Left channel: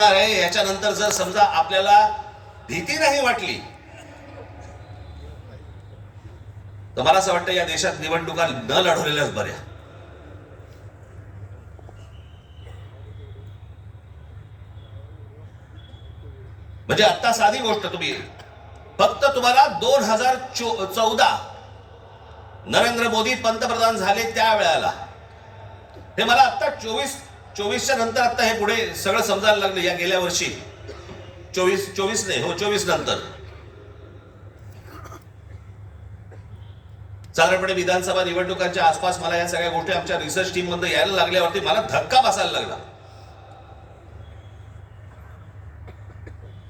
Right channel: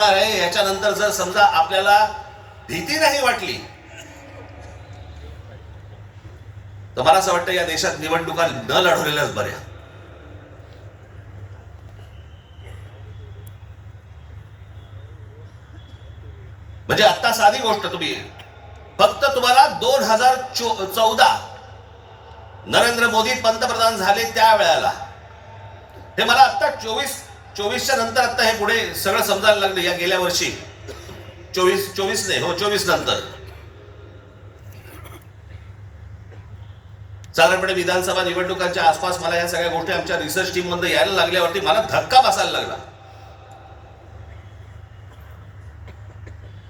आहे याच्यानंतर जर समजा आपल्याला भीती नाही वाटली तर मला असं वाटतं या देशात निवडणुका न लढवलेल्याच बऱ्या. म्हणजे आता साधी गोष्ट, तुम्ही फक्त तुम्हाला 2014 नरेंद्र मोदी पंतप्रधान झाले त्या वेळेला, हे मला आता 24च्या नंतर आता हे पुढे सगळं समजायला लागलं. या गेल्या वर्षी 24 नाही, हो 24 नंतर साधारणपणे विधानसभा निवडणुकांच्या आसपास मला या सगळ्या गोष्टी आमच्या रिसर्च टीम मध्ये यायला लागल्यावरती मला धक्का बसायला लागला.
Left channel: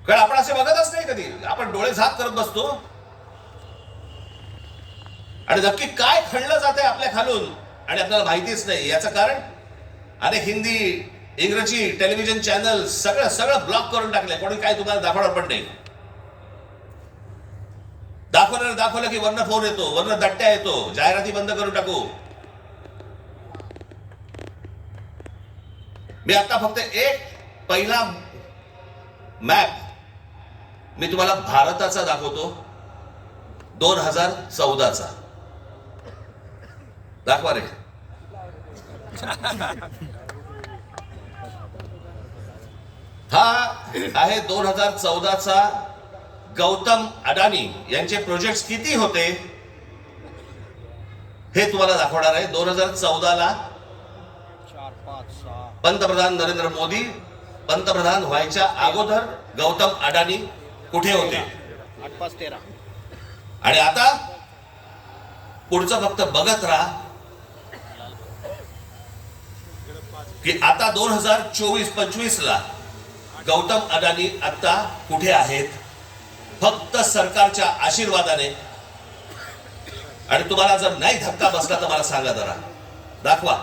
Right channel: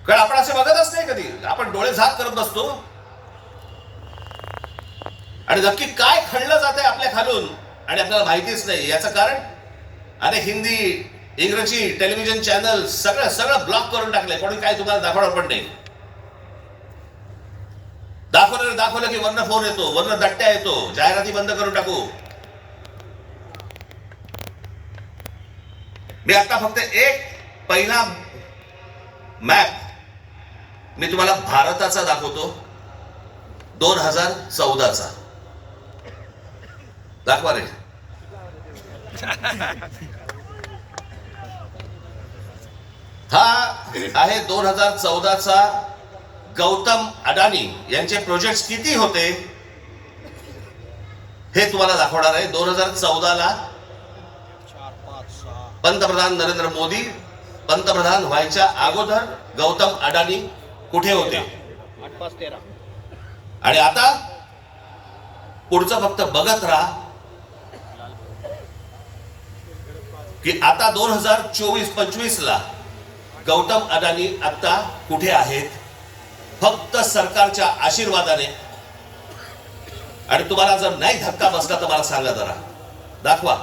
कारण आपण असे बघतच नाही कधी, आपण डोळे झाक करत बसतो आणि नक्की काय खणलं जात आहे आपल्या खालून आणि आपल्याला माहितीच नाही. याचं कारण अरे हिंदी इंग्रजी टेलिव्हिजन चॅनल सगळं सगळं ब्लॉक करून टाकलंय. कोणी काय तुम्हाला दाखवणार पण नाही. दाखवलं की वरनं फोन येतो, वरनं दट्ट्या येतो, जाहिराती बंद करून टाकू. मी आता फक्त एक पहिला मॅप मी तुम्हाला भारताचा दाखवतो, 2014चा. दाखवा रे. हा आहे 2014चा. गौतम अडानी यांचे प्रोजेक्ट्स किती होते हे तुम्हाला दाखवणार आहे. 2014ला पंतप्रधान नरेंद्र मोदी पंतप्रधान व्हायच्या अगोदर गौतम अडानी कुठे होते आणि आता पुढचं फक्त बघत राहा की आता 2024-25 ला गौतम अडानी आता कुठे आहेत. फक्त सरकारच्या आशीर्वादाने. आणि तुम्हाला जर नाही धक्का बसला तर मला सांगा जरा, दाखवा.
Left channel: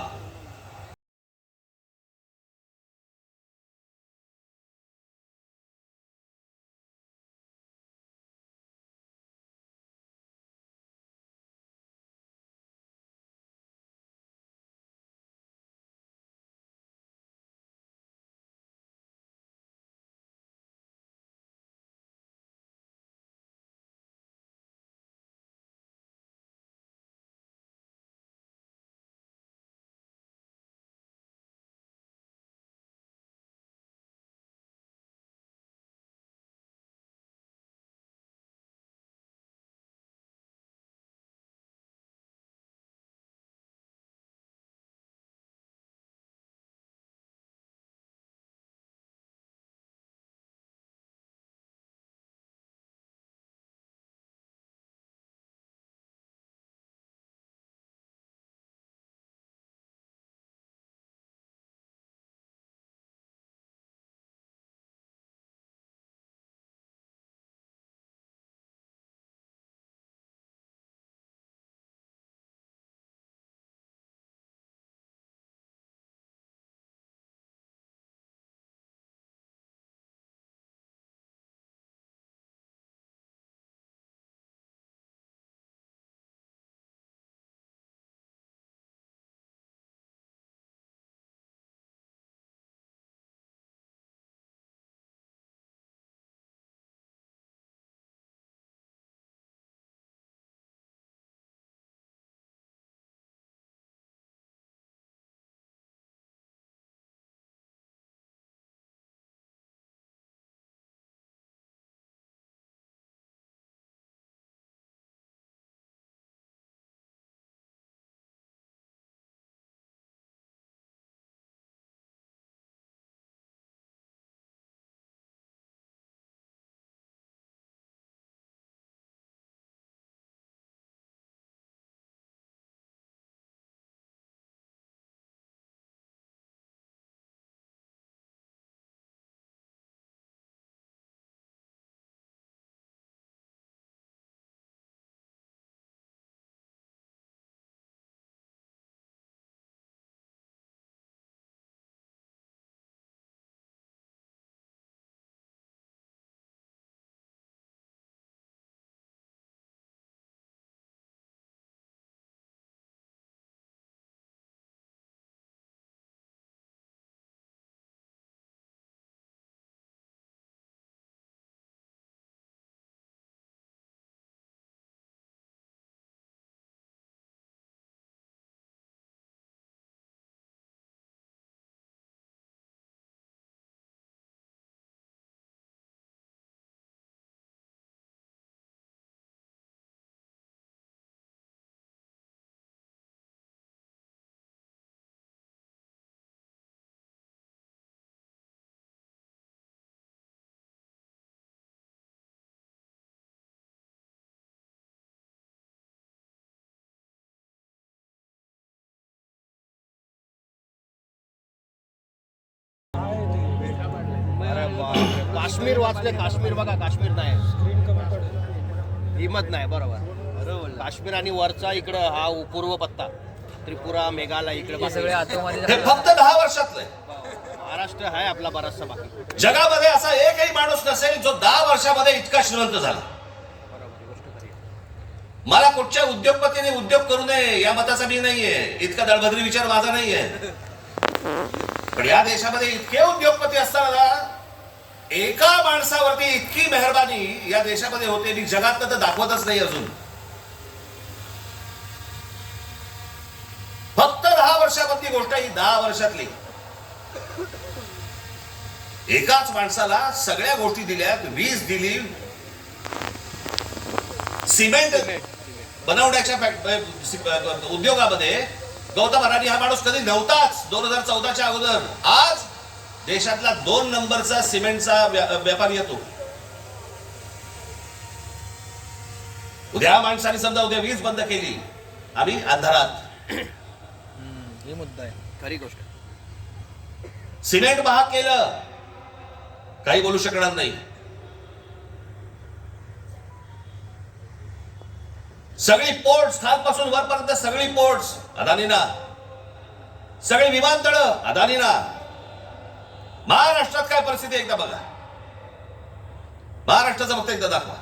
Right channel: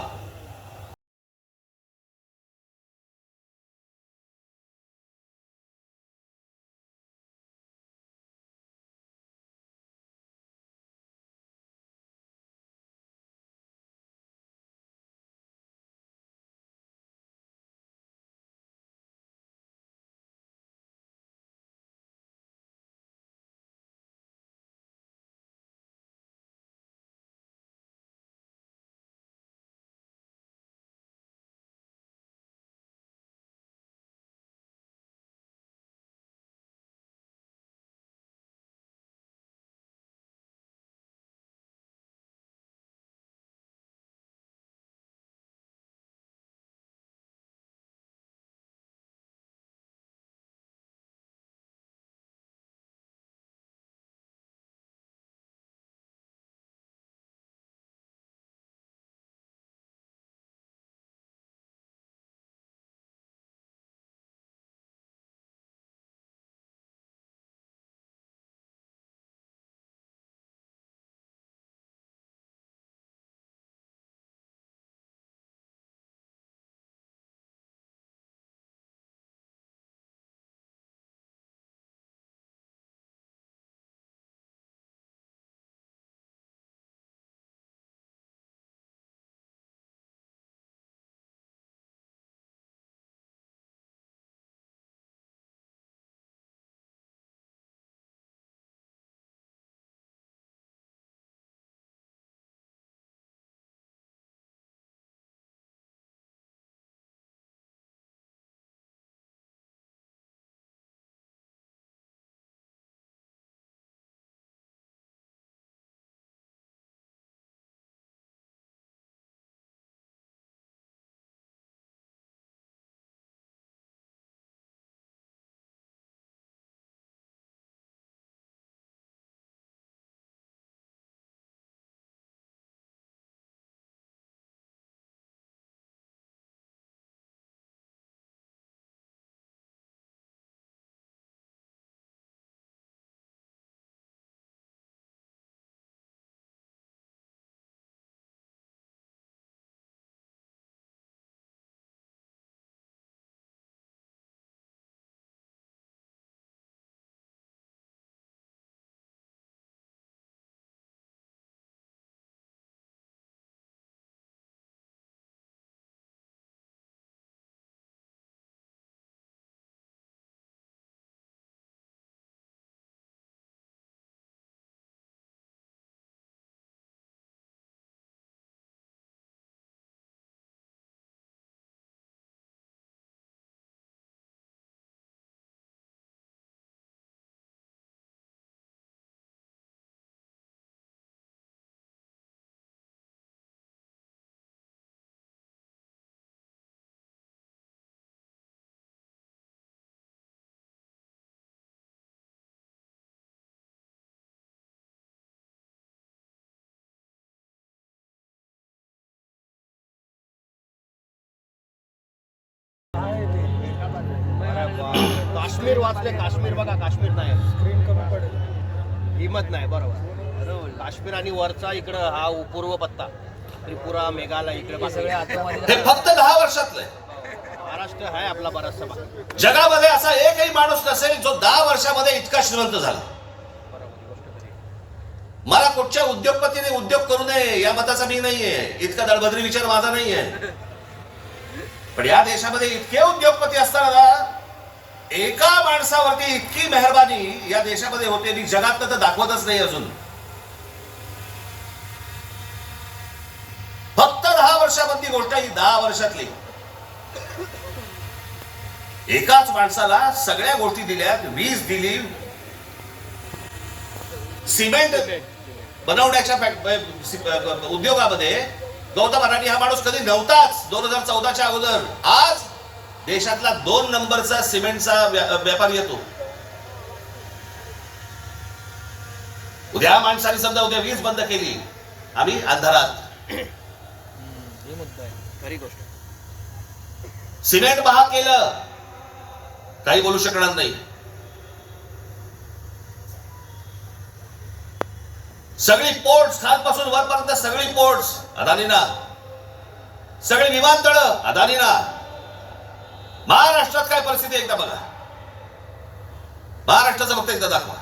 काश्मीर वाचले, काश्मीर बघा, काश्मीर नाही, हिमत नाही, बरोबर. काश्मीर आणि वरचा इकडं हा पूर्व पत्ता, त्रिपुरा, मेघालय, इकडे सगळे हे फक्त 10 वर्षातलं आहे. महाराष्ट्र आहे आपला बराचसा बाकी. जगामध्ये असा एकही माणूस नसेल जो 10 वर्षामध्ये इतका श्रीमंत झाला. मला कुठच्या उद्योगपतीने उद्योग करू नये या मताचा मी नाहीये, इतका दळभद्री विचार माझा नाहीये. पण या देशामध्ये इतके उद्योगपती असताना एका माणसावरती इतकी मेहरबानी या देशामध्ये होते, मी जगात तर दाखवतच नाही अजून. फक्त 10 वर्षामधली गोष्ट ही, 10 वर्षातली. एकाच माणसाला सगळ्या गोष्टी दिल्यात. वीज दिली, सिमेंट बनवण्याच्या उद्योगामध्ये गौतम अडाणी हा माणूस कधी नव्हताच 2014च्या अगोदर. आज देशातला 2 नंबरचा सिमेंटचा व्यापारी येतो. उद्या माणसाने समजा उद्या वीज बंद केली, आम्ही अंधारात. मुद्दा आहे, खरी गोष्ट. सिमेंट महाग केलं, काही बोलू शकणार नाही. सगळी पोर्ट्स खालपासून वरपर्यंत सगळी पोर्ट्स अदानीना, सगळी विमानतळ अदानीना. महाराष्ट्रात काय परिस्थिती एकदा बघा, महाराष्ट्राचं फक्त एकदा दाखवा.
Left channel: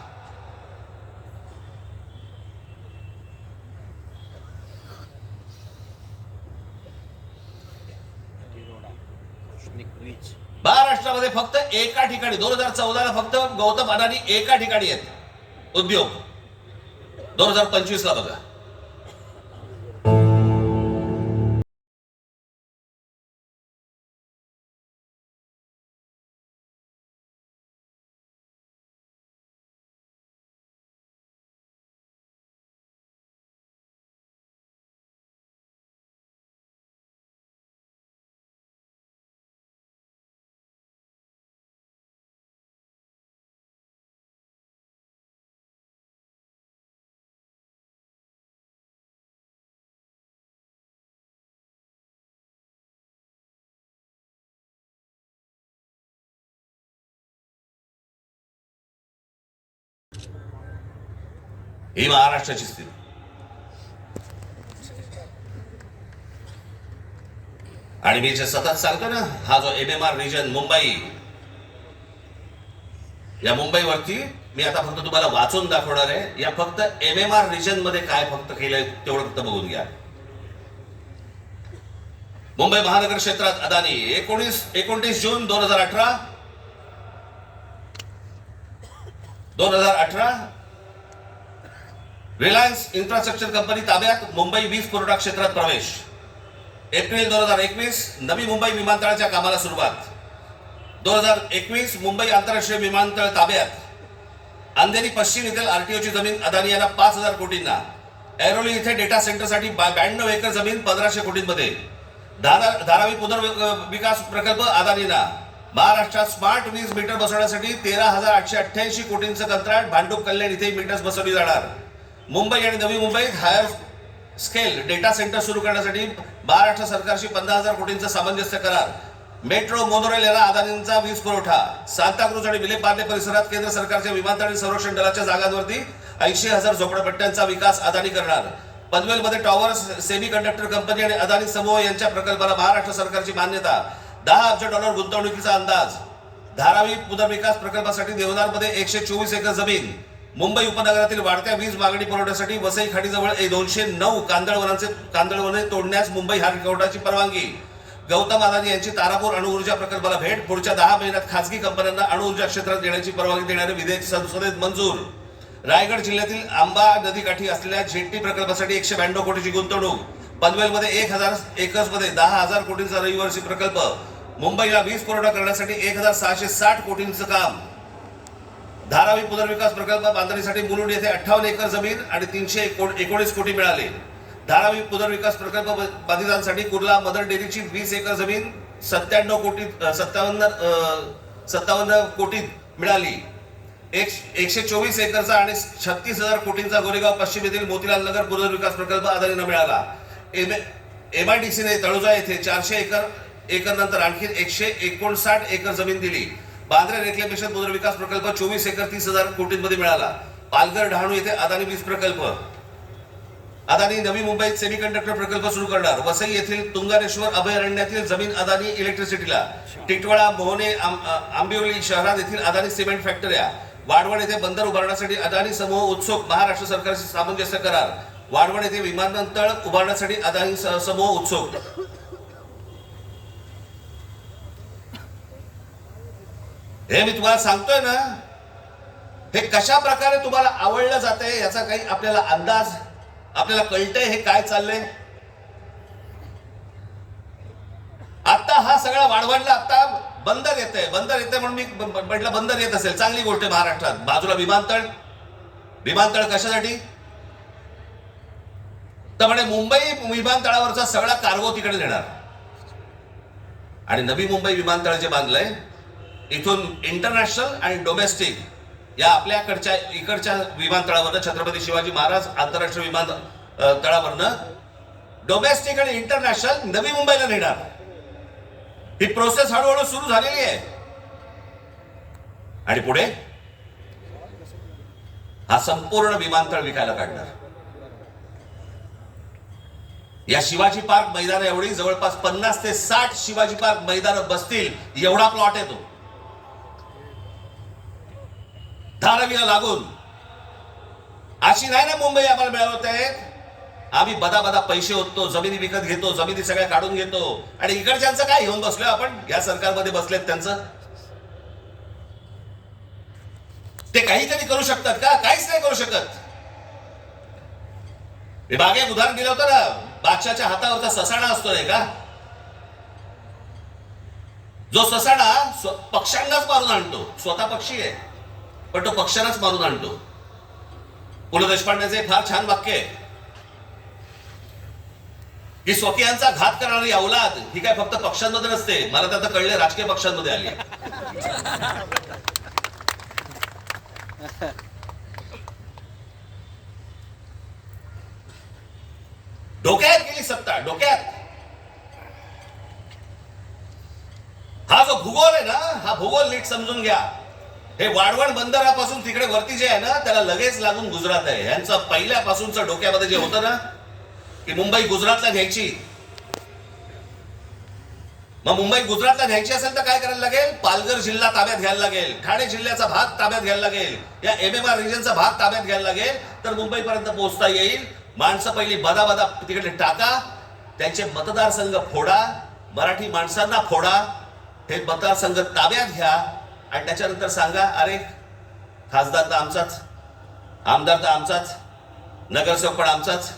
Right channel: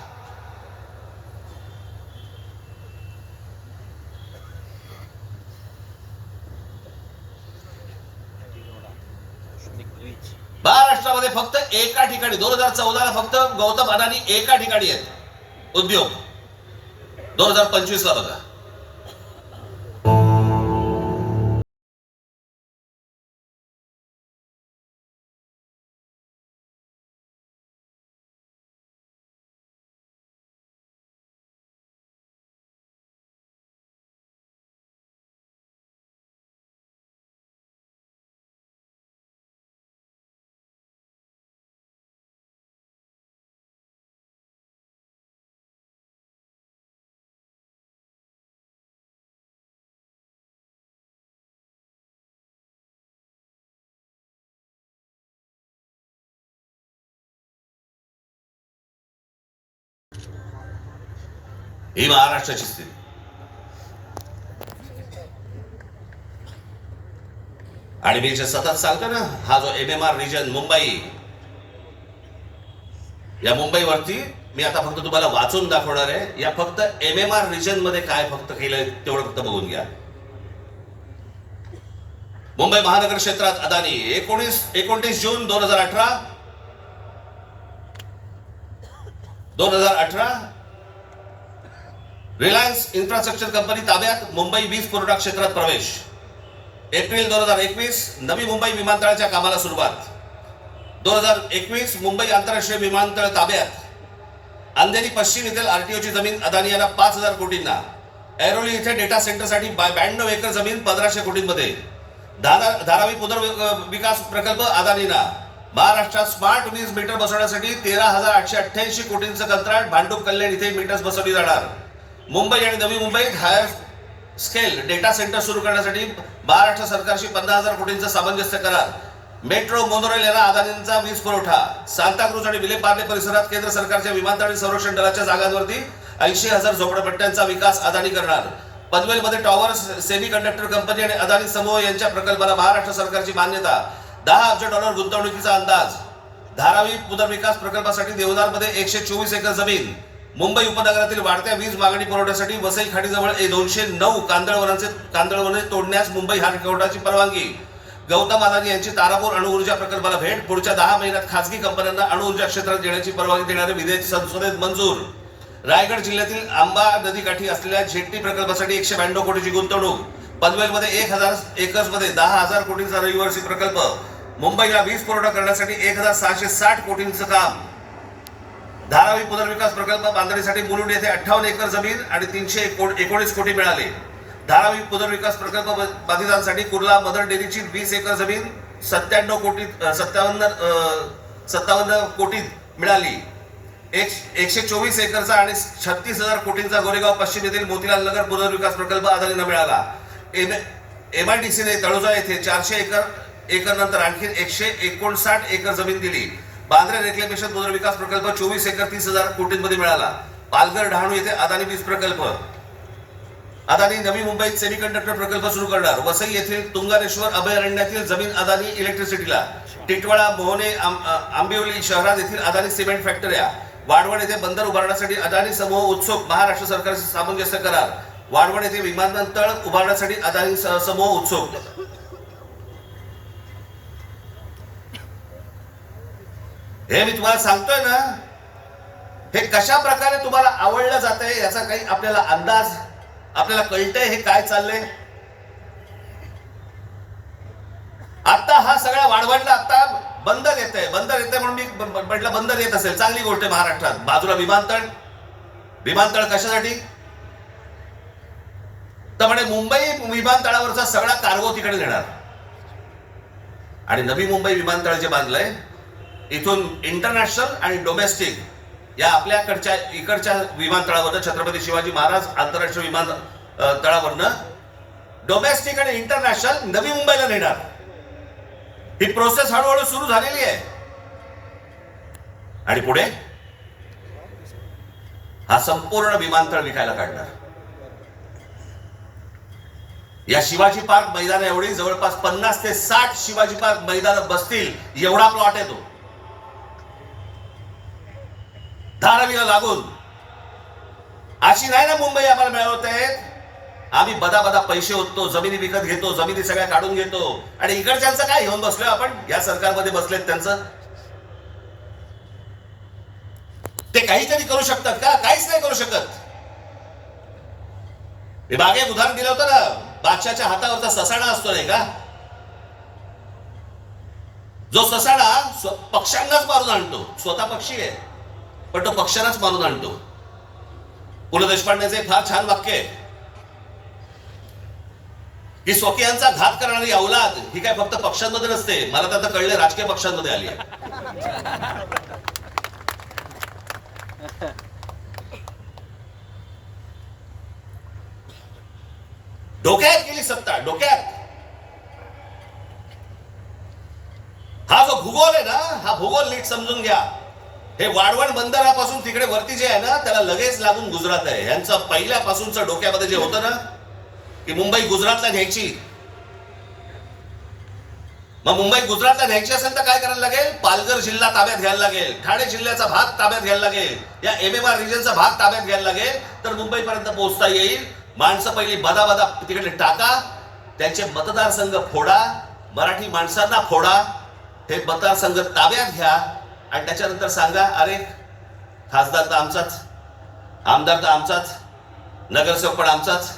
महाराष्ट्रामध्ये फक्त एका ठिकाणी 2014ला फक्त गौतम अडाणी एका ठिकाणी आहेत उद्योग. 2025ला बघा. ही महाराष्ट्राची स्थिती. आणि मी जे सतत सांगतो ना, हा जो MMR रिजन मुंबई, या मुंबईवरती मी आता फक्त तुम्हाला वाचून दाखवणार आहे. या फक्त MMR रिजन मध्ये काय फक्त केलंय तेवढं फक्त बघून घ्या. मुंबई महानगर क्षेत्रात अदानी 29 जून 2018 रिलायन्स इन्फ्रास्ट्रक्चर कंपनी ताब्यात मुंबई वीज पुरवठा क्षेत्रात प्रवेश. एप्रिल 2021 नवी मुंबई विमानतळाच्या कामाला सुरुवात. 2021 मुंबई आंतरराष्ट्रीय विमानतळ ताब्यात. अंधेरी पश्चिम येथील RTOची जमीन अदानी यांना 5,000 कोटींना. ऐरोली इथे डेटा सेंटरसाठी 92 एकर जमीन 1,500 कोटींमध्ये. धारावी पुनर्विकास प्रकल्प अदानींना. महाराष्ट्रात स्मार्ट वीज मीटर बसवण्यासाठी 13,888 कोटींचं कंत्राट. भांडूप कल्याण इथे मीटर्स बसवली जाणार. मुंबई आणि नवी मुंबईत हायर स्केल डेटा सेंटर सुरू करण्यासाठी महाराष्ट्र सरकारशी 15,000 कोटींचा सामंजस्य करार. मेट्रो मोनोरेल यांना अदानींचा वीज पुरवठा. सांताक्रूज आणि विलेपार्ले परिसरात केंद्र सरकारच्या विमानतळ आणि संरक्षण दलाच्या जागांवरती 80,000 झोपडपट्ट्यांचा विकास अदानी करणार. पनवेलमध्ये टॉवर्स सेमी कंडक्टर कंपनी आणि अदानी समूह यांच्या प्रकल्पाला महाराष्ट्र सरकारची मान्यता. $10 अब्ज गुंतवणुकीचा अंदाज. धारावी पुनर्विकास प्रकल्पासाठी देवदारमध्ये 124 एकर जमीन. मुंबई उपनगरातील वाढत्या वीज मागणी पुरवठ्यासाठी वसई खाडीजवळ 209 कांदळवने तोडण्यास मुंबई हायकोर्टाची परवानगी. गौतम अदानी यांची तारापूर अणुऊर्जा प्रकल्पाला भेट. पुढच्या 10 महिन्यात खासगी कंपन्यांना अणुऊर्जा क्षेत्रात देण्याची परवानगी देणारे विधेयक संसदेत मंजूर. रायगड जिल्ह्यातील आंबा नदीकाठी असलेल्या झेट्टी प्रकल्पासाठी 192 कोटीची गुंतवणूक. पनवेलमध्ये 1,000 एकर्समध्ये 10,000 कोटींचा रहिवासी प्रकल्प. मुंबईला वीज पुरवठा करण्यासाठी 1,660 कोटींचं काम. धारावी पुनर्विकास प्रकल्प बांधणीसाठी मुलुंड येथे 58 एकर जमीन आणि 319 कोटी मिळाले. धारावी पुनर्विकास प्रकल्प बाधितांसाठी कुर्ला मदर डेअरीची 20 एकर जमीन 57 कोटीत मिळाली. 124 एकरचा आणि 36,000 कोटींचा गोरेगाव पश्चिम येथील मोतीलाल नगर पुनर्विकास प्रकल्प अदानींना मिळाला. MIDCने तळोजा येथे 400 एकर नंतर आणखी 159 एकर जमीन दिली. बांद्रा रेक्लेमेशन पुनर्विकास प्रकल्प 24 एकर 30,000 कोटींमध्ये मिळाला. पालघर डहाणू येथे अदानी वीज प्रकल्प. अदानी नवी मुंबईत सेमीकंडक्टर प्रकल्प सुरू करणार. वसई येथील तुंगारेश्वर अभयारण्यातील जमीन अदानी इलेक्ट्रिसिटीला. टिटवाळा मोहने आंबिवली शहरात येथील अदानी सिमेंट फॅक्टऱ्या. वाढवण येथे बंदर उभारण्यासाठी अदानी समूह उत्सुक. महाराष्ट्र सरकारशी सामंजस्य करार. वाढवण येथे विमानतळ उभारण्यासाठी अदानी समूह उत्सुक. हे मी तुम्हाला सांगतोय ना, हे कशा प्रकारे तुम्हाला आवडलं जातंय याचा काही आपल्याला अंदाज, आपल्याला कळतंय हे काय चाललंय. आता हा सगळा वाढवणला आता बंदर येतंय म्हणून मी म्हटलं बंदर येत असेल चांगली गोष्ट आहे. महाराष्ट्रात बाजूला विमानतळ कशासाठी तर म्हणे मुंबई विमानतळावरचा सगळा कार्गो तिकडे नेणार. आणि नवी मुंबई विमानतळ जे बांधलंय इथून इंटरनॅशनल आणि डोमेस्टिक या आपल्याकडच्या इकडच्या विमानतळावरनं छत्रपती शिवाजी महाराज आंतरराष्ट्रीय विमानतळावरनं डोमेस्टिक आणि इंटरनॅशनल नवी मुंबईला नेणार. ही प्रोसेस हळूहळू सुरू झालेली आहे. आणि पुढे हा संपूर्ण विमानतळ विकायला काढणार. या शिवाजी पार्क मैदान एवढी जवळपास 50 ते 60 शिवाजी पार्क मैदान बसतील एवढा प्लॉट आहे तो. धारावीला लागून. अशी नाही ना मुंबई आम्हाला मिळवत आहेत. आम्ही बदा पैसे होतो, जमिनी विकत घेतो, जमिनी सगळ्या काढून घेतो. आणि इकडच्यांचं काय घेऊन बसलोय आपण, या सरकारमध्ये बसलेत त्यांचं. ते काहीतरी करू शकतात का? काहीच नाही करू शकत. मी मागे एक उदाहरण दिलं होतं ना, बादशाच्या हातावरचा ससाणा असतो नाही का, जो ससाणा पक्ष्यांनाच मारून आणतो. स्वतः पक्षी आहे पण तो पक्ष्यांनाच मारून आणतो. पु ल देशपांडेचं एक फार छान वाक्य आहे की स्वकीयांचा घात करणारी अवलाद ही काय फक्त पक्षांमध्ये नसते. मला तर आता कळले राजकीय पक्षांमध्ये आली आहे. डोक्यात गेली सत्ता, डोक्यात. हा जो भूगोल आहे ना, हा भूगोल नीट समजून घ्या. हे वाढवण बंदरापासून तिकडे वरती जे आहे ना त्याला लगेच लागून गुजरात आहे. यांचं पहिल्यापासूनचं डोक्यामध्ये जे होतं ना की मुंबई गुजरातला घ्यायची. मग मुंबई गुजरातला घ्यायची असेल तर काय करायला लागेल, पालघर जिल्हा ताब्यात घ्यायला लागेल, ठाणे जिल्ह्याचा भाग ताब्यात घ्यायला लागेल, या MMR रिजनचा भाग ताब्यात घ्यायला लागेल, तर मुंबईपर्यंत पोहोचता येईल. माणसं पहिली बदा तिकडे टाका, त्यांचे मतदारसंघ फोडा, मराठी माणसांना फोडा, हे मतदारसंघ ताब्यात घ्या आणि त्याच्यानंतर सांगा अरे खासदार तर आमचाच, आमदार तर आमचाच, नगरसेवक पण आमचाच,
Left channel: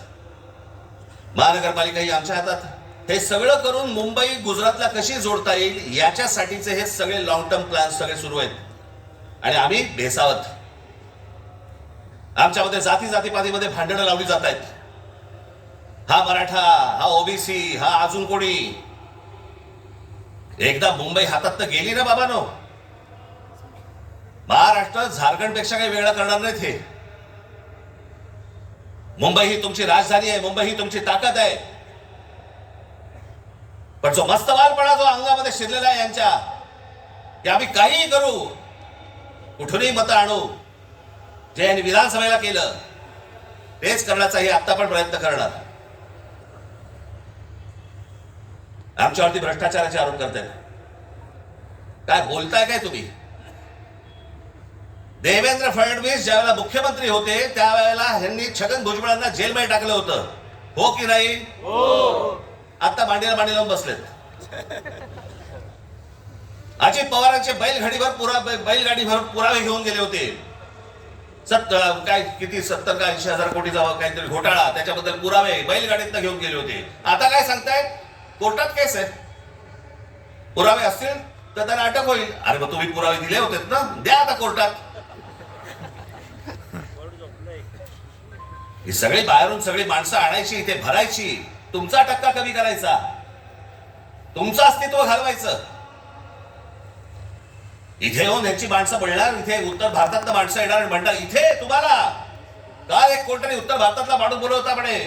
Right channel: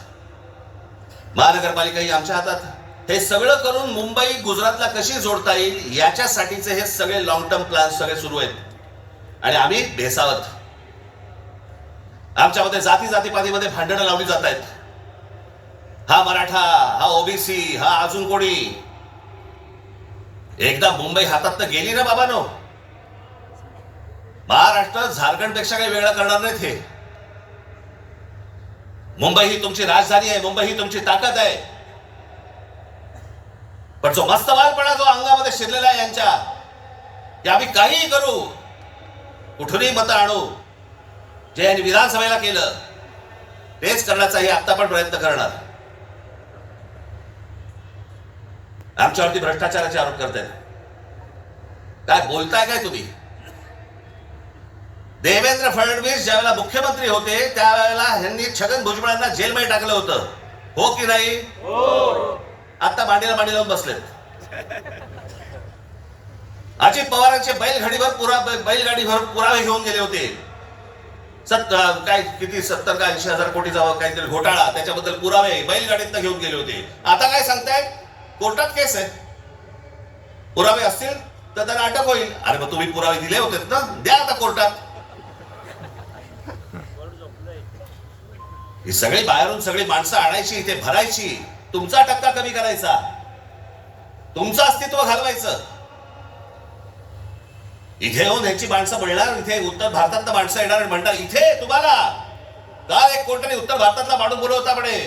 महानगरपालिका ही आमच्या हातात. हे सगळं करून मुंबई गुजरातला कशी जोडता येईल याच्यासाठीचे हे सगळे लॉंग टर्म प्लॅन सगळे सुरू आहेत. आणि आम्ही भेसावत, आमच्यामध्ये जातीपातीमध्ये भांडणं लावली जात आहेत. हा मराठा, हा ओबीसी, हा अजून कोणी. एकदा मुंबई हातात तर गेली ना बाबांनो. महाराष्ट्र झारखंडपेक्षा काही वेगळं करणार नाहीत. हे मुंबई ही तुमची राजधानी आहे, मुंबई ही तुमची ताकद आहे. पण जो मस्तवालपणा जो अंगामध्ये शिरलेला आहे यांच्या, की आम्ही काहीही करू, कुठूनही मतं आणू, जे यांनी विधानसभेला केलं तेच करण्याचा हे आता पण प्रयत्न करणार. आमच्यावरती भ्रष्टाचाराचे आरोप करतायत. काय बोलताय काय तुम्ही? देवेंद्र फडणवीस ज्यावेळेला मुख्यमंत्री होते त्यावेळेला ह्यांनी छगन भुजबळांना जेलमध्ये टाकलं होतं, हो की नाही? आता मांडीला मांडी लावून बसलेत. अजित पवारांचे बैलगाडीभर पुरावे घेऊन गेले होते. काय किती 70 का 80,000 कोटीचा काहीतरी घोटाळा, त्याच्याबद्दल पुरावे बैलगाडीतनं घेऊन गेले होते. आता काय सांगताय, कोर्टात केस आहे, पुरावे असतील तर त्यांना अटक होईल. अरे मग तुम्ही पुरावे दिले होते ना, द्या आता कोर्टात. ही सगळी बाहेरून सगळी माणसं आणायची, इथे भरायची, तुमचा टक्का कमी करायचा, तुमचं अस्तित्व घालवायचं. इथे येऊन ह्याची माणसं मिळणार, इथे उत्तर भारतातलं माणसं येणार आणि म्हणणार इथे तुम्हाला काल एक कोणतरी उत्तर भारतातला माणूस बोलवता म्हणे,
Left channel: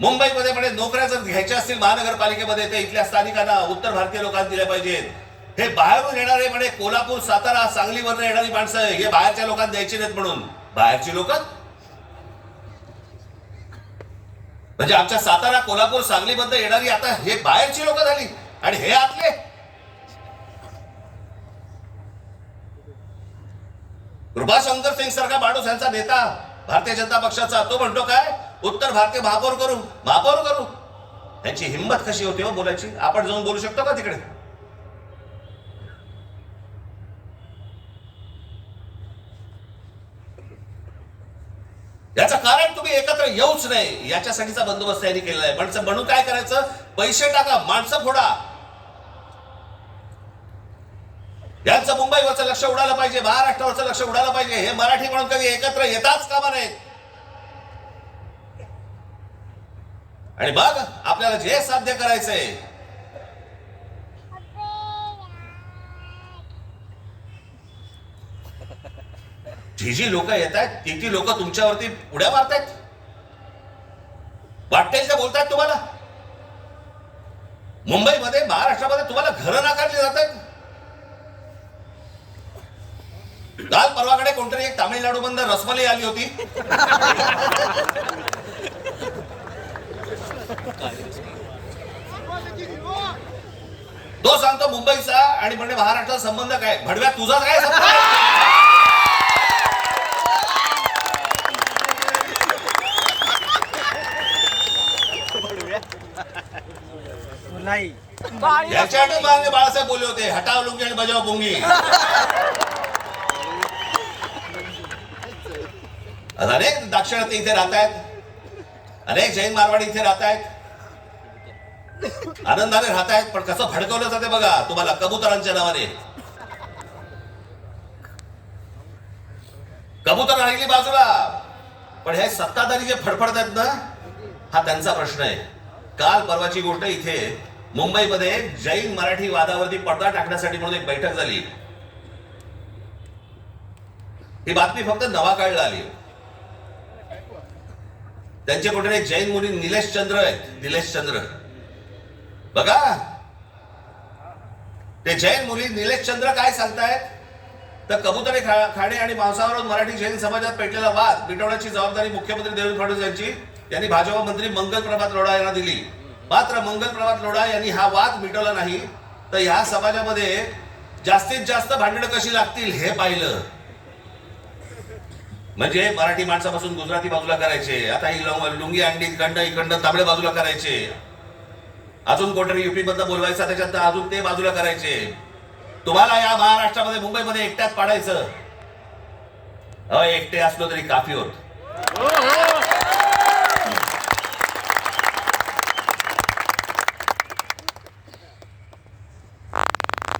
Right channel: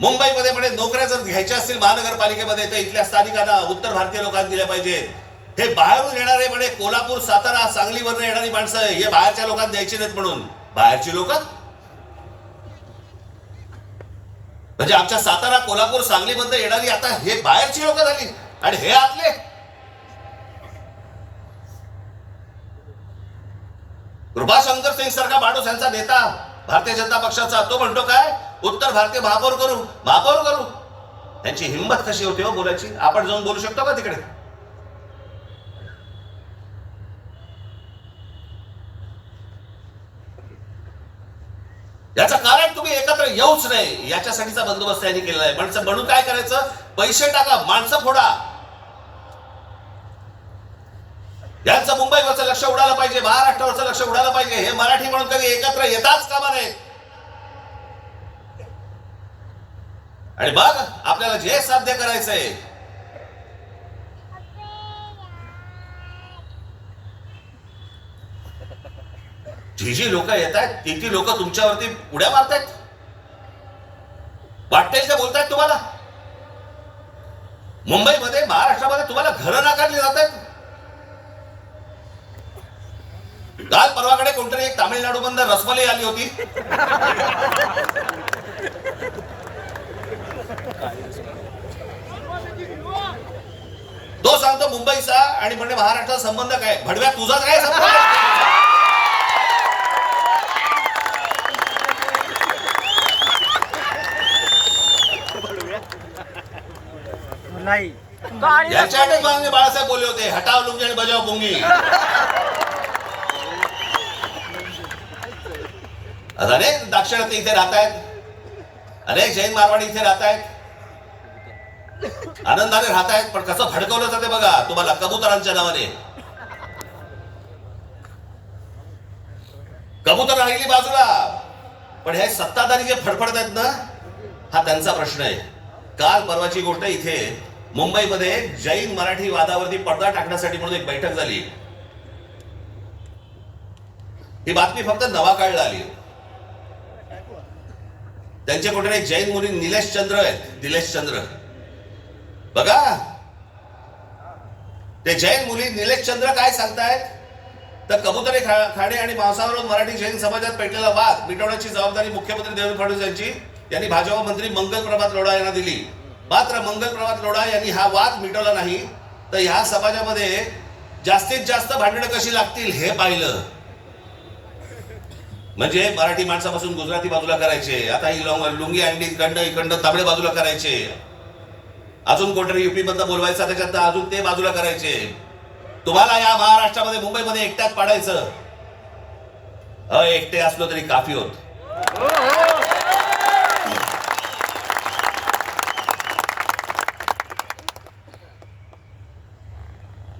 मुंबईमध्ये म्हणे नोकऱ्या जर घ्यायच्या असतील महानगरपालिकेमध्ये तर इथल्या स्थानिकांना उत्तर भारतीय लोकांना दिल्या पाहिजेत. हे बाहेरून येणारे म्हणे कोल्हापूर सातारा सांगलीवरनं येणारी माणसं हे बाहेरच्या लोकांना द्यायची नाहीत म्हणून. बाहेरची लोक म्हणजे आमच्या सातारा कोल्हापूर सांगलीमधनं येणारी आता हे बाहेरची लोक झाली आणि हे आतले. कृपाशंकर सिंग सारखा माणूस यांचा नेता भारतीय जनता पक्षाचा, तो म्हणतो काय उत्तर भारतीय महापौर करू महापौर करू. यांची हिंमत कशी होती हो बोलायची. आपण जाऊन बोलू शकतो का तिकडे. याचं कारण तुम्ही एकत्र येऊच नाही याच्यासाठीचा बंदोबस्त यांनी केलेला आहे. माणसं म्हणून काय करायचं, पैसे टाका माणसं फोडा. यांचं मुंबईवरचं लक्ष उडालं पाहिजे, महाराष्ट्रावरचं लक्ष उडालं पाहिजे. हे मराठी म्हणून कधी एकत्र येताच कामा नये. आणि मग आपल्याला जे साध्य करायचंय जी लोक येत आहेत ती लोक तुमच्यावरती उड्या मारतायत. वाटतंय ते बोलतायत तुम्हाला. मुंबईमध्ये महाराष्ट्रामध्ये तुम्हाला घरं नाकारली जात आहेत. काल परवाकडे कोणतरी एक तामिळनाडू मधून रसमलाई आली होती. तो सांगतो मुंबईचा आणि म्हणजे महाराष्ट्राचा संबंध काय. भडव्या तुझा काय संबंध. नाही याच्यासाठी मागणे बाळासाहेब बोलले होते, हटाव लुंगी आणि बजाव बोंगी. अनेक दाक्षिणात्य इथे राहत आहेत, अनेक जैन मारवाडी इथे राहत आहेत, आनंदाने राहत आहेत. पण कसं भडकवलं जाते बघा तुम्हाला कबुतरांच्या नावाने. कबूतर राहिली बाजूला, पण हे सत्ताधारी जे फडफडत आहेत ना, हा त्यांचा प्रश्न आहे. काल परवाची गोष्ट इथे मुंबईमध्ये जैन मराठी वादावरती पडदा टाकण्यासाठी म्हणून एक बैठक झाली. ही बातमी फक्त नवाकाळला आली. त्यांच्या कुठे एक जैन मुली निलेश चंद्र आहेत, निलेश चंद्र बघा. ते जैन मुली निलेश चंद्र काय सांगतायत तर कबुतरे खाणे आणि मांसावर मराठी जैन समाजात पेटलेला वाद मिटवण्याची जबाबदारी मुख्यमंत्री देवेंद्र फडणवीस यांची यांनी भाजपा मंत्री मंगल प्रभात लोढा यांना दिली. मात्र मंगल प्रभात लोढा यांनी हा वाद मिटवला नाही तर ह्या समाजामध्ये जास्तीत जास्त भांडणं कशी लागतील हे पाहिलं. म्हणजे मराठी माणसापासून गुजराती बाजूला करायचे, आता ही लुंगी अंडी इकडनं तामिळ बाजूला करायचे, अजून कोणतरी युपी मधनं बोलवायचा त्याच्यात अजून ते बाजूला करायचे. तुम्हाला या महाराष्ट्रामध्ये मुंबईमध्ये एकट्यात पाडायचं. एकटे असलो तरी काफी होत.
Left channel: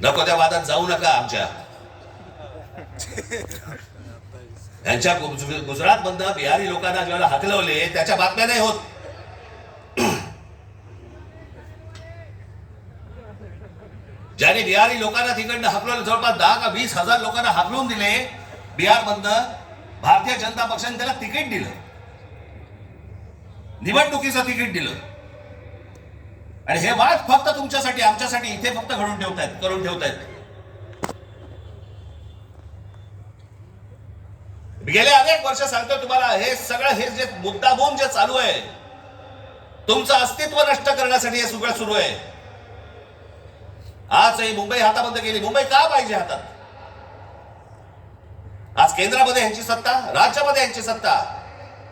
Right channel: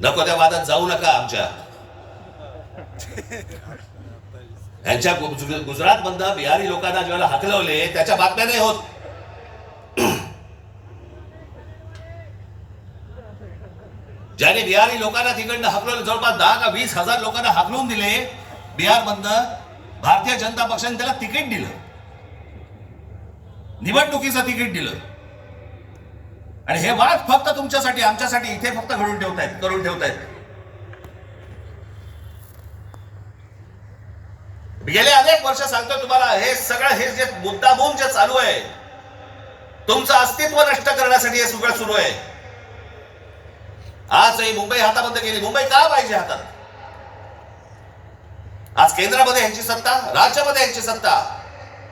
नको त्या वादात जाऊ नका. आमच्या यांच्या गुजरात मधनं बिहारी लोकांना जेव्हा हाकलवले त्याच्या बातम्या नाही होत. ज्याने बिहारी लोकांना तिकडनं हाकलवलं, जवळपास 10 का 20 हजार लोकांना हाकलून दिले बिहार मधनं, भारतीय जनता पक्षाने त्याला तिकीट दिलं, निवडणुकीचं तिकीट दिलं. आणि हे वाद फक्त तुमच्यासाठी आमच्यासाठी इथे फक्त घडून ठेवतायत, करून ठेवतायत. गेले अनेक वर्ष सांगतो तुम्हाला, हे सगळं हे जे मुद्दामून जे चालू आहे तुमचं अस्तित्व नष्ट करण्यासाठी हे सगळं सुरू आहे. आज ही मुंबई हाताबंद केली. मुंबई का पाहिजे हातात. आज केंद्रामध्ये यांची सत्ता, राज्यामध्ये यांची सत्ता,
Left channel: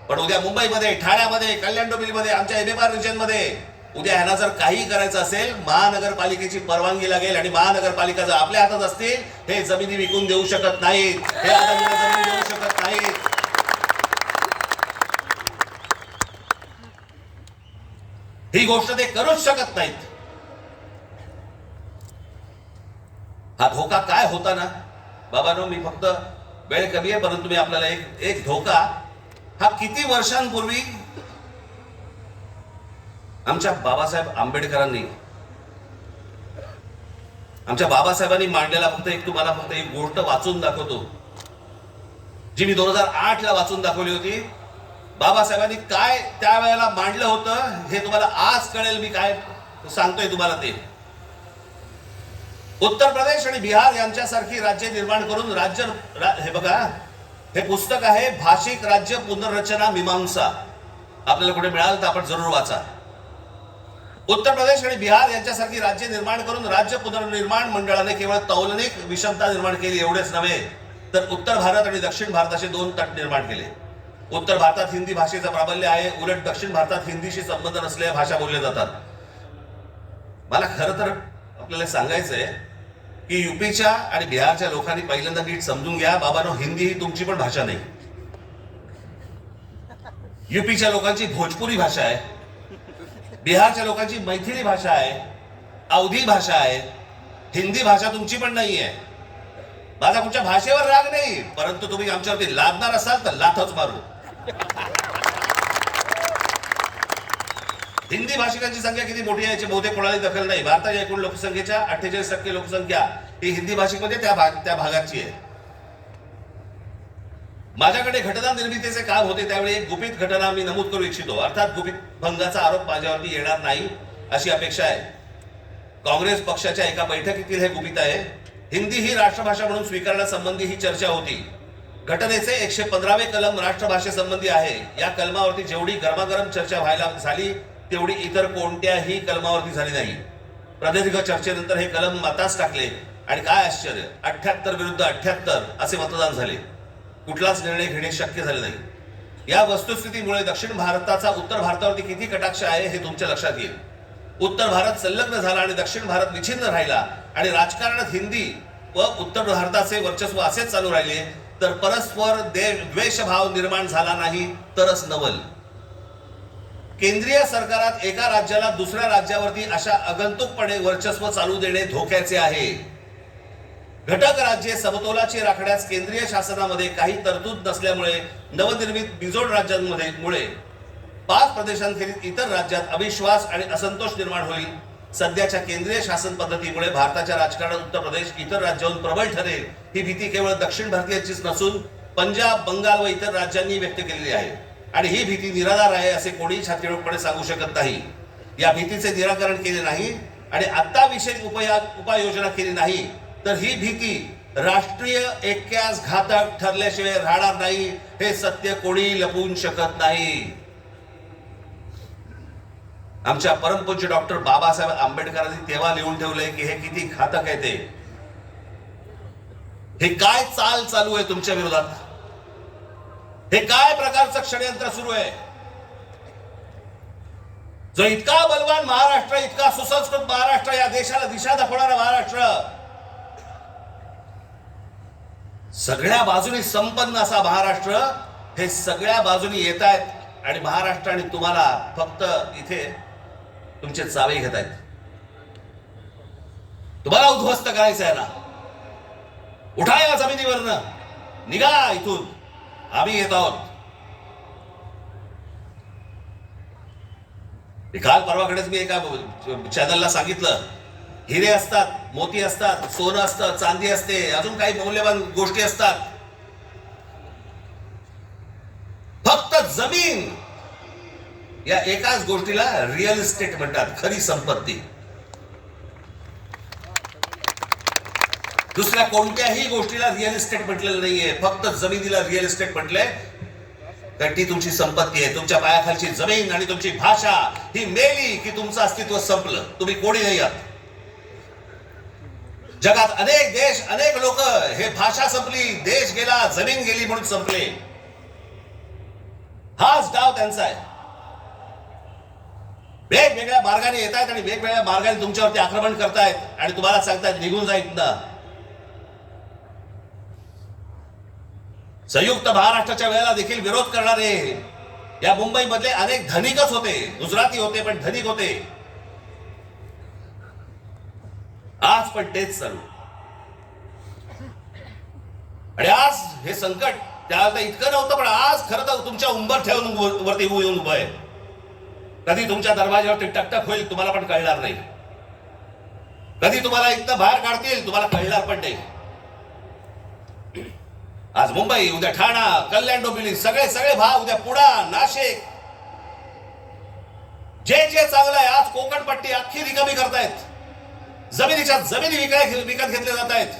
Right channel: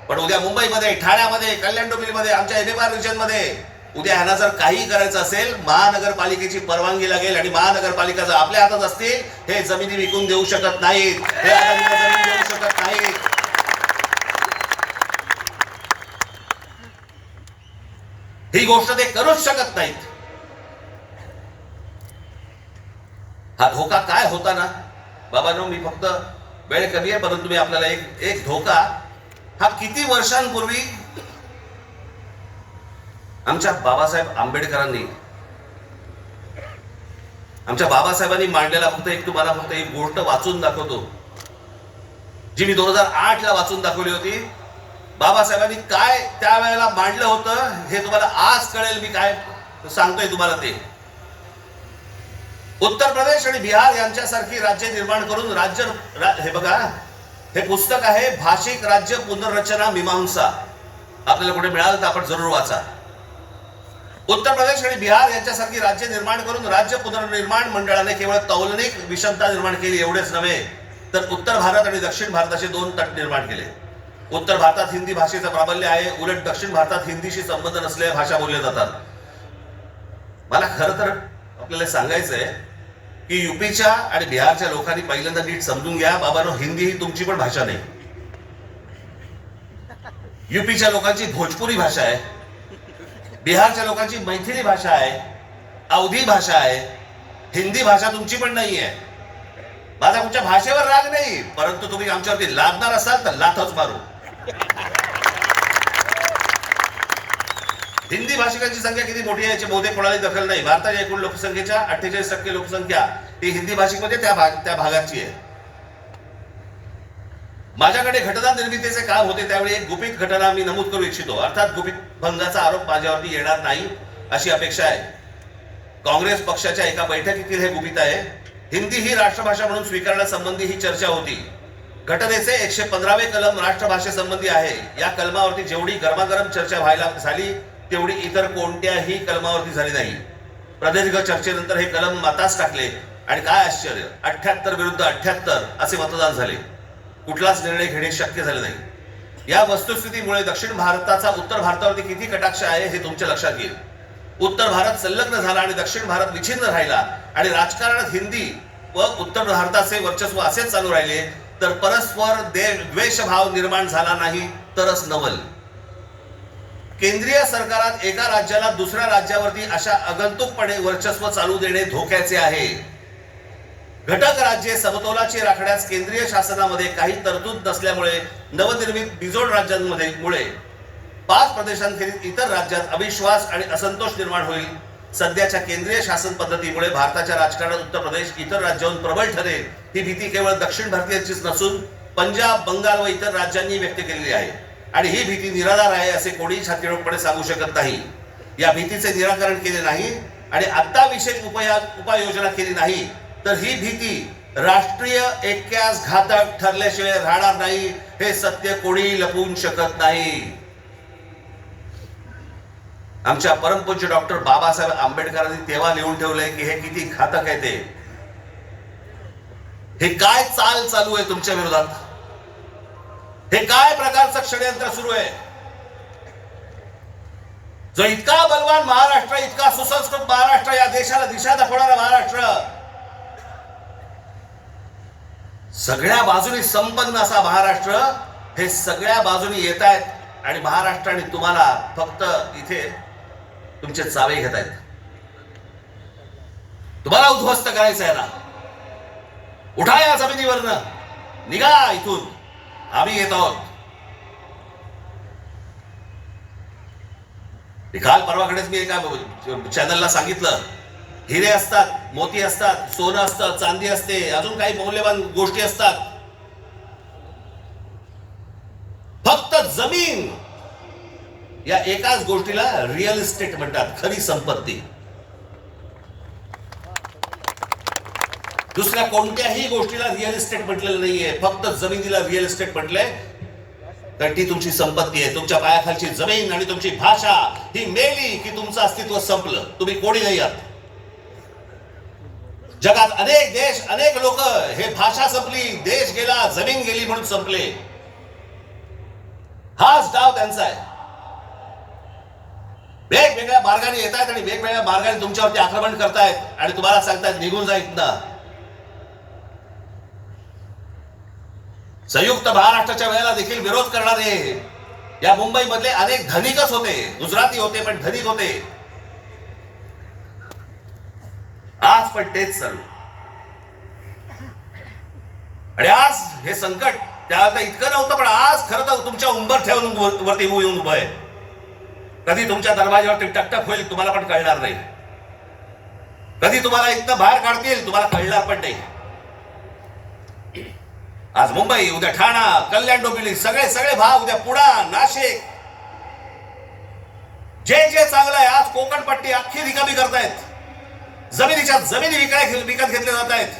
पण उद्या मुंबईमध्ये, ठाण्यामध्ये, कल्याण डोंबिवलीमध्ये, आमच्या एमएमआर रिजन मध्ये उद्या ह्यांना जर काही करायचं असेल महानगरपालिकेची परवानगी लागेल. आणि महानगरपालिका जर आपल्या हातात असतील हे जमिनी विकून देऊ शकत नाहीत, हे जमीन देऊ शकत नाहीत. ही गोष्ट ते करूच शकत नाहीत. हा धोका काय होता ना बाबांनो, मी फक्त वेळ कमी आहे परंतु मी आपल्याला एक धोका हा किती वर्षांपूर्वी आमच्या बाबासाहेब आंबेडकरांनी, आमच्या बाबासाहेबांनी मांडलेला तुम्हाला फक्त एक गोष्ट वाचून दाखवतो जी मी 2008 ला वाचून दाखवली होती. बाबासाहेबांनी काय त्यावेळेला मांडलं होतं हे तुम्हाला आज कळेल. मी काय सांगतोय तुम्हाला ते उत्तर प्रदेश आणि बिहार यांच्यासारखी राज्य निर्माण करून हे बघा, हे पुस्तक आहे भाषिक राज्य पुनर्रचना मीमांसा. आपल्याला कुठे मिळालं तर आपण जरूर वाचा. उत्तर प्रदेश आणि बिहार यांच्यासारखी राज्य निर्माण करून राज्य पुनर्निर्माण मंडळाने केवळ तौलनिक विषमता निर्माण केली एवढेच नव्हे, तर उत्तर भारत आणि दक्षिण भारताचे 2 तट निर्माण केले. उत्तर भारतात हिंदी भाषेचं प्राबल्य आहे, उलट दक्षिण भारतात हिंदीशी संबंध नसलेल्या भाषा बोलल्या जातात. मला खरं तर आपल्याला सांगायचंय की युपीच्या आणि बिहारच्या लोकांनी पहिल्यांदा नीट समजून घ्या, बाबांनो, हिंदी ही तुमची पण भाषा नाही. युपीच्या लोकांची भोजपुरी भाषा आहे, बिहारच्या लोकांची मैथिली भाषा आहे, अवधी भाषा आहे. हिंदी भाषा तुमची पण नाही आहे. माझा कुठच्या भाषेवर राग नाही, परंतु तुम्ही आमच्यावरती लादणार असाल तर लाथच मारू. हिंदी भाषिकांची संख्या किती मोठी आहे याची बहुतेक कोणाला दखल नाही. भारताच्या एकूण लोकसंख्येच्या 48% लोकसंख्या ही हिंदी भाषिक म्हणजे त्या भागाची आहे. माझ्याकडे घटना निर्मितीचे काम होते त्यावेळी एक गुपित घटना मी नमूद करू इच्छितो. अर्थात गुपित भंगाचा आरोप माझ्यावरती येणार नाही अशी अपेक्षा आहे. काँग्रेस पक्षाच्या एका बैठकीतील हे गुपित आहे. हिंदी ही राष्ट्रभाषा म्हणून स्वीकारण्यासंबंधी ही चर्चा होती. घटनेचे 115वे कलम राष्ट्रभाषेसंबंधी आहे. या कलमावरती जेवढी गरमागरम चर्चा व्हायला झाली तेवढी इतर कोणत्याही कलमावरती झाली नाही. प्रदीर्घ चर्चेनंतर हे कलम मातास टाकले आणि काय आश्चर्य, 78 विरुद्ध 78 असे मतदान झाले. कुठलाच निर्णय घेणे शक्य झाले नाही. या वस्तुस्थितीमुळे दक्षिण भारताचा उत्तर भारतावरती किती कटाक्ष आहे हे तुमच्या लक्षात येईल. उत्तर भारत संलग्न झाला आणि दक्षिण भारत विच्छिन्न राहिला आणि राजकारणात हिंदी व उत्तर भारताचे वर्चस्व असेच चालू राहिले तर परस्पर द्वेषभाव निर्माण झाला नाही तरच नवल. केंद्रीय सरकारात एका राज्याला दुसऱ्या राज्यावरती अशा आगंतुकपणे वर्चस्व चालू देणे धोक्याचे आहे. घटक राज्ये समतोलाची राखण्यास केंद्रीय शासनामध्ये काही तरतूद नसल्यामुळे नवनिर्मित बिजोड राज्यांमुळे 5 प्रदेशांखेरीज इतर राज्यात अविश्वास आणि असंतोष निर्माण होईल. सध्याच्या केंद्रीय शासन पद्धतीमुळे भारताच्या राजकारणात उत्तर प्रदेश इतर राज्यांहून प्रबळ ठरेल ही भीती केवळ दक्षिण भारतीयांचीच नसून पंजाब, बंगाल व इतर राज्यांनी व्यक्त केलेली आहे आणि ही भीती निराधार आहे असे कोणीही छातीरोखपणे सांगू शकत नाही. या भीतीचे निराकरण केले नाही आणि आता विशेष उपाययोजना केली नाही तर ही भीती राष्ट्रीय ऐक्यास घातक ठरल्याशिवाय राहणार नाही. हे सत्य कोणी लपवू शकत नाही. आमच्या परमपूज्य डॉक्टर बाबासाहेब आंबेडकरांनी तेव्हा लिहून ठेवलंय की हे किती घातक आहे ते. हे काय चाल चालू आहे तुमच्या विरोधात, हे काय प्रकारचं षडयंत्र सुरू आहे. जो इतका बलवान महाराष्ट्र, इतका सुसंस्कृत महाराष्ट्र, या देशाला दिशा दाखवणारा महाराष्ट्र, सगळ्या बाजूनी संपन्न असा महाराष्ट्र, हे सगळ्या बाजूनी येत आहेत आणि महाराष्ट्राने तुम्हाला फक्त इथे तुमचे चावे घेत आहेत. तुम्हाला उद्ध्वस्त करायचं आहे ना. उठा या जमिनीवरनं, निघा इथून, आम्ही येत आहोत. काल परवाकडेच मी एका चॅनलला सांगितलं, हिरे असतात, मोती असतात, सोनं असतं, चांदी असते, अजून काही मौल्यवान गोष्टी असतात. फक्त जमीन या एकाच गोष्टीला रिअल इस्टेट म्हणतात, खरी संपत्ती. दुसऱ्या कोणत्याही गोष्टीला रिअल इस्टेट म्हटलेलं नाहीये, फक्त जमिनीला रिअल इस्टेट म्हटलंय. कारण ती तुमची संपत्ती आहे. तुमच्या पायाखालची जमीन आणि तुमची भाषा ही मेली की तुमचं अस्तित्व संपलं, तुम्ही कोणी नाही आहात. जगात अनेक देश, अनेक लोक, हे भाषा संपली, देश गेला, जमीन गेली म्हणून संपले. हाच डाव त्यांचा आहे. वेगवेगळ्या मार्गाने येत आहेत आणि वेगवेगळ्या मार्गाने तुमच्यावरती आक्रमण करतायत आणि तुम्हाला सांगतायत निघून जायत ना. संयुक्त महाराष्ट्राच्या वेळेला देखील विरोध करणारे या मुंबईमधले अनेक धनिकच होते, गुजराती होते पण धनिक होते. आज पण तेच चालू. आणि आज हे संकट त्याला इतकं नव्हतं, पण आज खरं तर तुमच्या उंबरठ्यावरून वरती येऊन उभं आहे. कधी तुमच्या दरवाजावरती टकटक होईल तुम्हाला पण कळणार नाही. कधी तुम्हाला इतकं बाहेर काढतील तुम्हाला कळणार पण नाही. आज मुंबई, उद्या ठाणा, कल्याण, डोंबिवली, सगळे सगळे भाग, उद्या पुणा, नाशिक, जे जे चांगलं आहे, आज कोकणपट्टी अख्खी रिकामी करतायत. जमिनीच्या जमिनी विकत घेतल्या जात आहेत.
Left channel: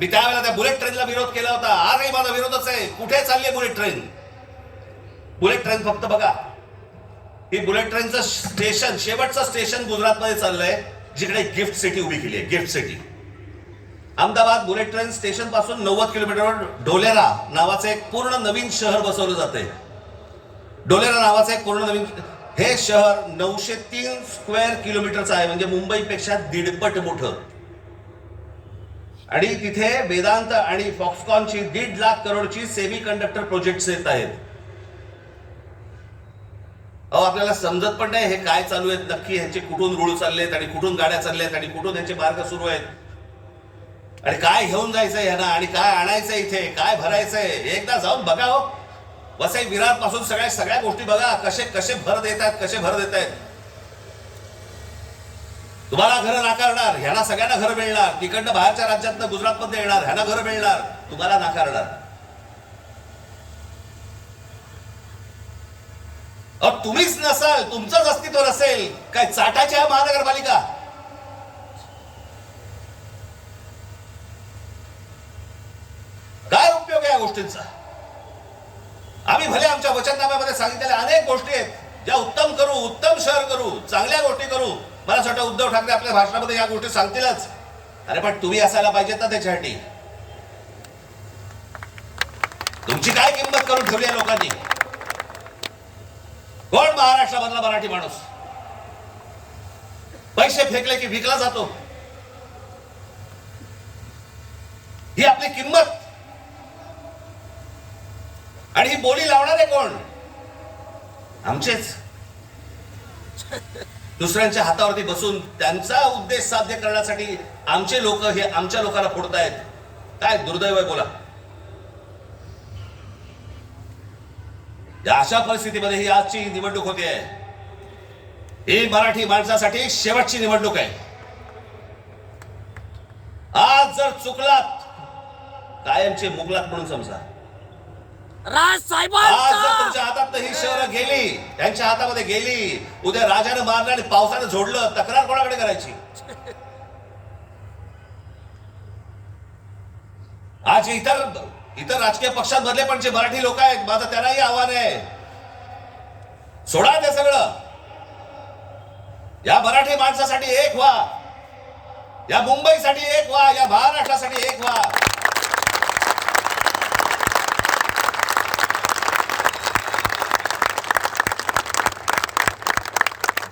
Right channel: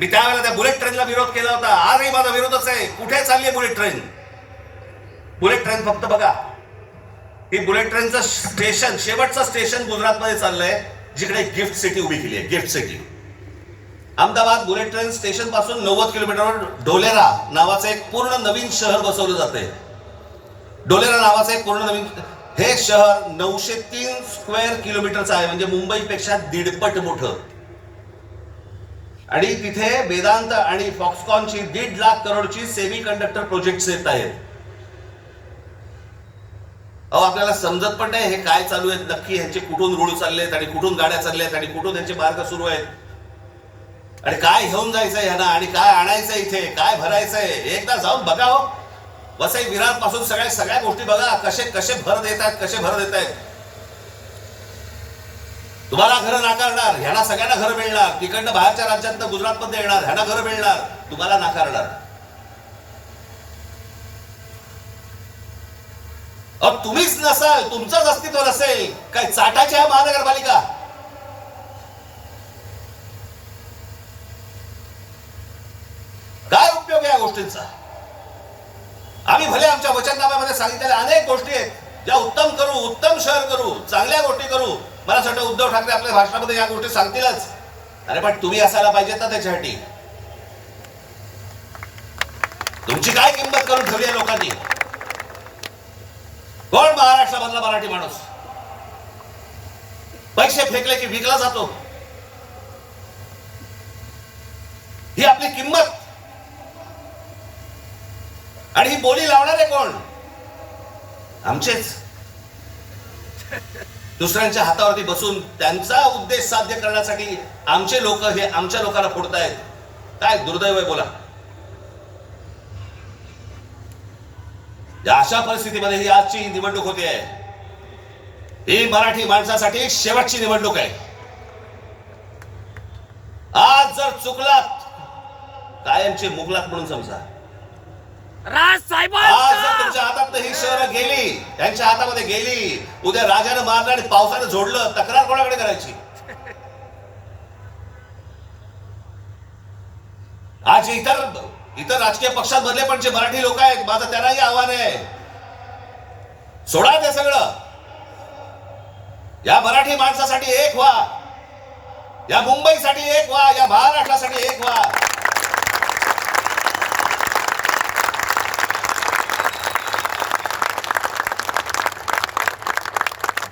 मी त्यावेळेला त्या बुलेट ट्रेनला विरोध केला होता. आजही माझा विरोधच आहे. कुठे चालली बुलेट ट्रेन? बुलेट ट्रेन फक्त बघा, ही बुलेट ट्रेनचं स्टेशन, शेवटचं स्टेशन गुजरातमध्ये चाललंय, जिकडे गिफ्ट सिटी उभी केली आहे. Gift city Ahmedabad bullet train station पासून 90 किलोमीटरवर ढोलेरा नावाचं एक पूर्ण नवीन शहर बसवलं जाते. ढोलेरा नावाचं एक पूर्ण नवीन हे शहर 903 स्क्वेअर किलोमीटरचं आहे, म्हणजे मुंबईपेक्षा 1.5 मोठं. आणि तिथे वेदांत आणि फॉक्सकॉनची 1.5 लाख करोडची सेमी कंडक्टर प्रोजेक्ट येत आहेत. अहो, आपल्याला समजत पण नाही हे काय चालू आहेत नक्की. ह्यांचे कुठून रूळ चाललेत आणि कुठून गाड्या चालल्यात आणि कुठून त्यांचे मार्ग सुरू आहेत आणि काय घेऊन जायचंय ह्यांना आणि काय आणायचंय, इथे काय भरायचंय. एकदा जाऊन बघा हो. वसई विरार पासून सगळ्या गोष्टी बघा, कसे भर देत आहेत, कसे भर देत आहेत. तुम्हाला घरं नाकारणार, ह्यांना सगळ्यांना घरं मिळणार. तिकडनं बाहेरच्या राज्यातनं गुजरातमध्ये येणार, ह्यांना घरं मिळणार, तुम्हाला नाकारणार. तुम्हीच नसाल, तुमचंच अस्तित्व नसेल, काय चाटाची आहे महानगरपालिका? काय उपयोग आहे या गोष्टींचा? आम्ही भले आमच्या वचननाम्यामध्ये सांगितलेल्या अनेक गोष्टी आहेत ज्या उत्तम करू, उत्तम शहर करू, चांगल्या गोष्टी करू. मला असं वाटतं उद्धव ठाकरे आपल्या भाषणामध्ये या गोष्टी सांगतीलच. अरे पण तुम्ही असायला पाहिजेत ना त्याच्यासाठी. तुमची काय किंमत करून ठेवली आहे लोकांनी? कोण महाराष्ट्रामधला मराठी माणूस पैसे फेकले की विकला जातो? ही आपली किंमत. आणि ही बोली लावणारे कोण? आमचेच. दुसऱ्यांच्या हातावरती बसून त्यांचा उद्देश साध्य करण्यासाठी आमचे लोक हे आमच्या लोकांना फोडतायत. काय दुर्दैव आहे बोला. अशा परिस्थितीमध्ये ही आजची निवडणूक होते आहे. ही मराठी माणसासाठी शेवटची निवडणूक आहे. आज जर चुकलात कायमचे मुगलात म्हणून समजा. आज जर तुमच्या हातात ही शहरं गेली, त्यांच्या हातामध्ये गेली, उद्या राजाने मारलं आणि पावसाने झोडलं, तक्रार कोणाकडे करायची? आज इतर राजकीय पक्षांमधले पण जे मराठी लोक आहेत, माझं त्यांनाही आव्हान आहे, सोडा ते सगळं. या मराठी माणसासाठी एक व्हा, या मुंबईसाठी एक व्हा, या महाराष्ट्रासाठी एक व्हा.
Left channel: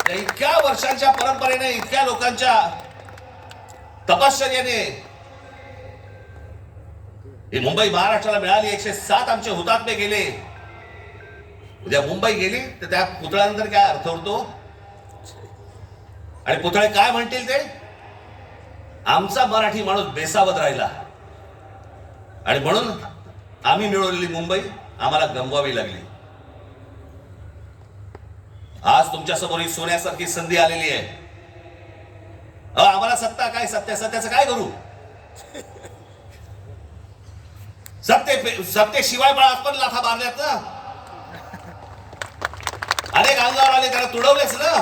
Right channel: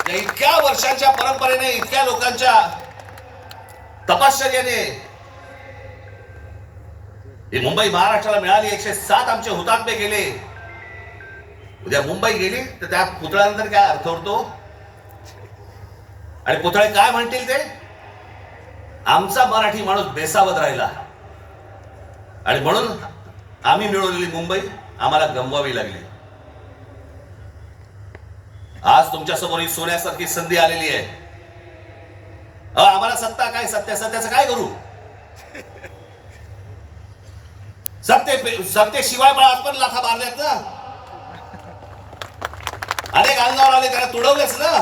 इतक्या वर्षांच्या परंपरेने, इतक्या लोकांच्या तपश्चर्याने ही मुंबई महाराष्ट्राला मिळाली. 107 आमचे हुतात्मे गेले. उद्या मुंबई गेली तर त्या पुतळ्यानंतर काय अर्थ होतो? आणि पुतळे काय म्हणतील ते? आमचा मराठी माणूस बेसावध राहिला आणि म्हणून आम्ही मिळवलेली मुंबई आम्हाला गमवावी लागली. आज तुमच्या समोर ही सोन्यासारखी संधी आलेली आहे. आम्हाला सत्ता काय, सत्याचं काय करू? सत्तेशिवाय पण आपण लाथा मारल्यात ना. अनेक अंगावर आले, त्याला तुडवलेच ना.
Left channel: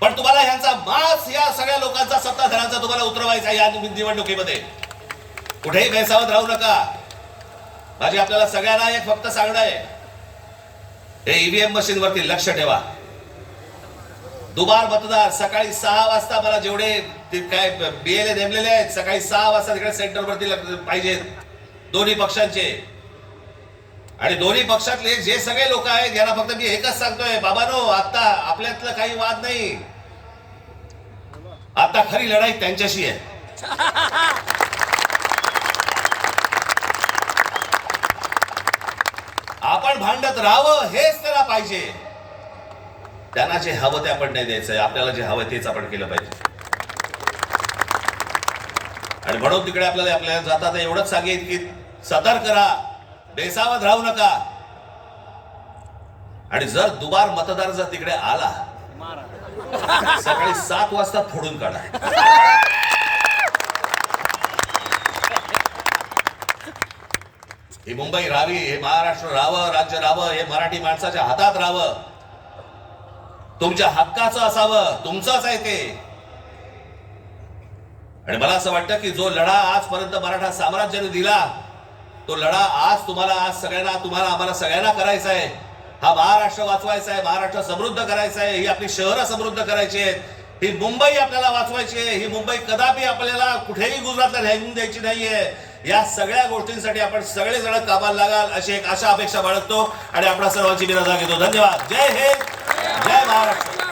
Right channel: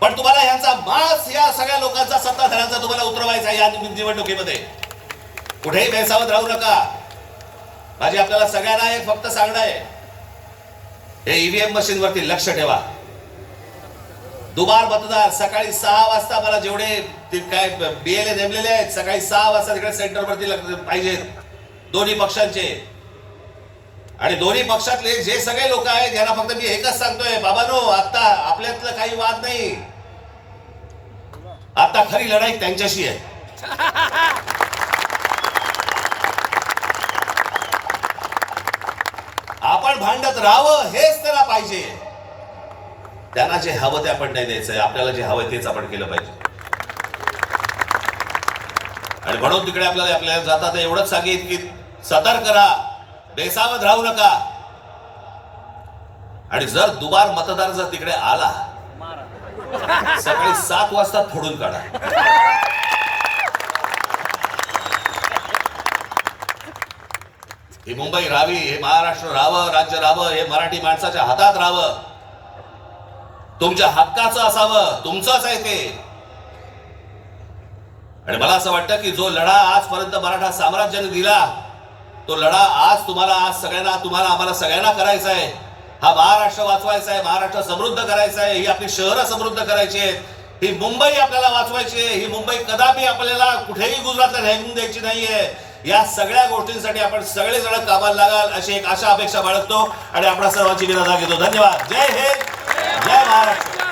पण तुम्हाला ह्यांचा मास, या सगळ्या लोकांचा, सत्ताधाऱ्यांचा तुम्हाला उतरवायचा या निवडणुकीमध्ये. कुठेही बेसावध राहू नका. माझी आपल्याला सगळ्यांना एक फक्त सांगणं आहे, हे ईव्हीएम मशीन वरती लक्ष ठेवा. दुबार मतदार सकाळी 6 वाजता, मला जेवढे काय बीएलए नेमलेले आहेत, सकाळी 6 वाजता तिकडे सेंटरवरती पाहिजेत दोन्ही पक्षांचे. आणि दोन्ही पक्षातले जे सगळे लोक आहेत यांना फक्त मी एकच सांगतोय, बाबांनो, आता आपल्यातलं काही वाद नाही. आता खरी लढाई त्यांच्याशी आहे. आपण भांडत राहावं हेच त्याला पाहिजे. त्यांना जे हवं ते आपण नाही द्यायचंय. आपल्याला जे हवं तेच आपण केलं पाहिजे. आणि म्हणून तिकडे आपल्याला जातात एवढंच सांगेन की सतर्क राहा, बेसावध राहू नका. आणि जर दुबार मतदार जर तिकडे आला, सकाळी 7 वाजता फोडून काढा. ही मुंबई राहावी, हे महाराष्ट्र राहावं, राज्य राहावं, हे मराठी माणसाच्या हातात राहावं, तुमच्या हक्काचं असावं, तुमचंच आहे ते. आणि मला असं वाटतं की जो लढा आजपर्यंत मराठा साम्राज्याने दिला, तो लढा आज तुम्हाला, आज सगळ्यांना, तुम्हाला, आम्हाला सगळ्यांना करायचा आहे. हा महाराष्ट्र वाचवायचा आहे, महाराष्ट्र समृद्ध करायचा आहे, ही आपली शहरं समृद्ध करायची आहेत, ही मुंबई आपल्याला वाचवायची आहे. ही मुंबई कदापि आपल्याला कुठेही गुजरातला राहून द्यायची नाहीये. या सगळ्या गोष्टींसाठी आपण सगळेजण कामाला लागाल अशी एक आशा अपेक्षा बाळगतो आणि आपल्या सर्वांची विनंती घेतो. धन्यवाद. जय हिंद, जय महाराष्ट्र.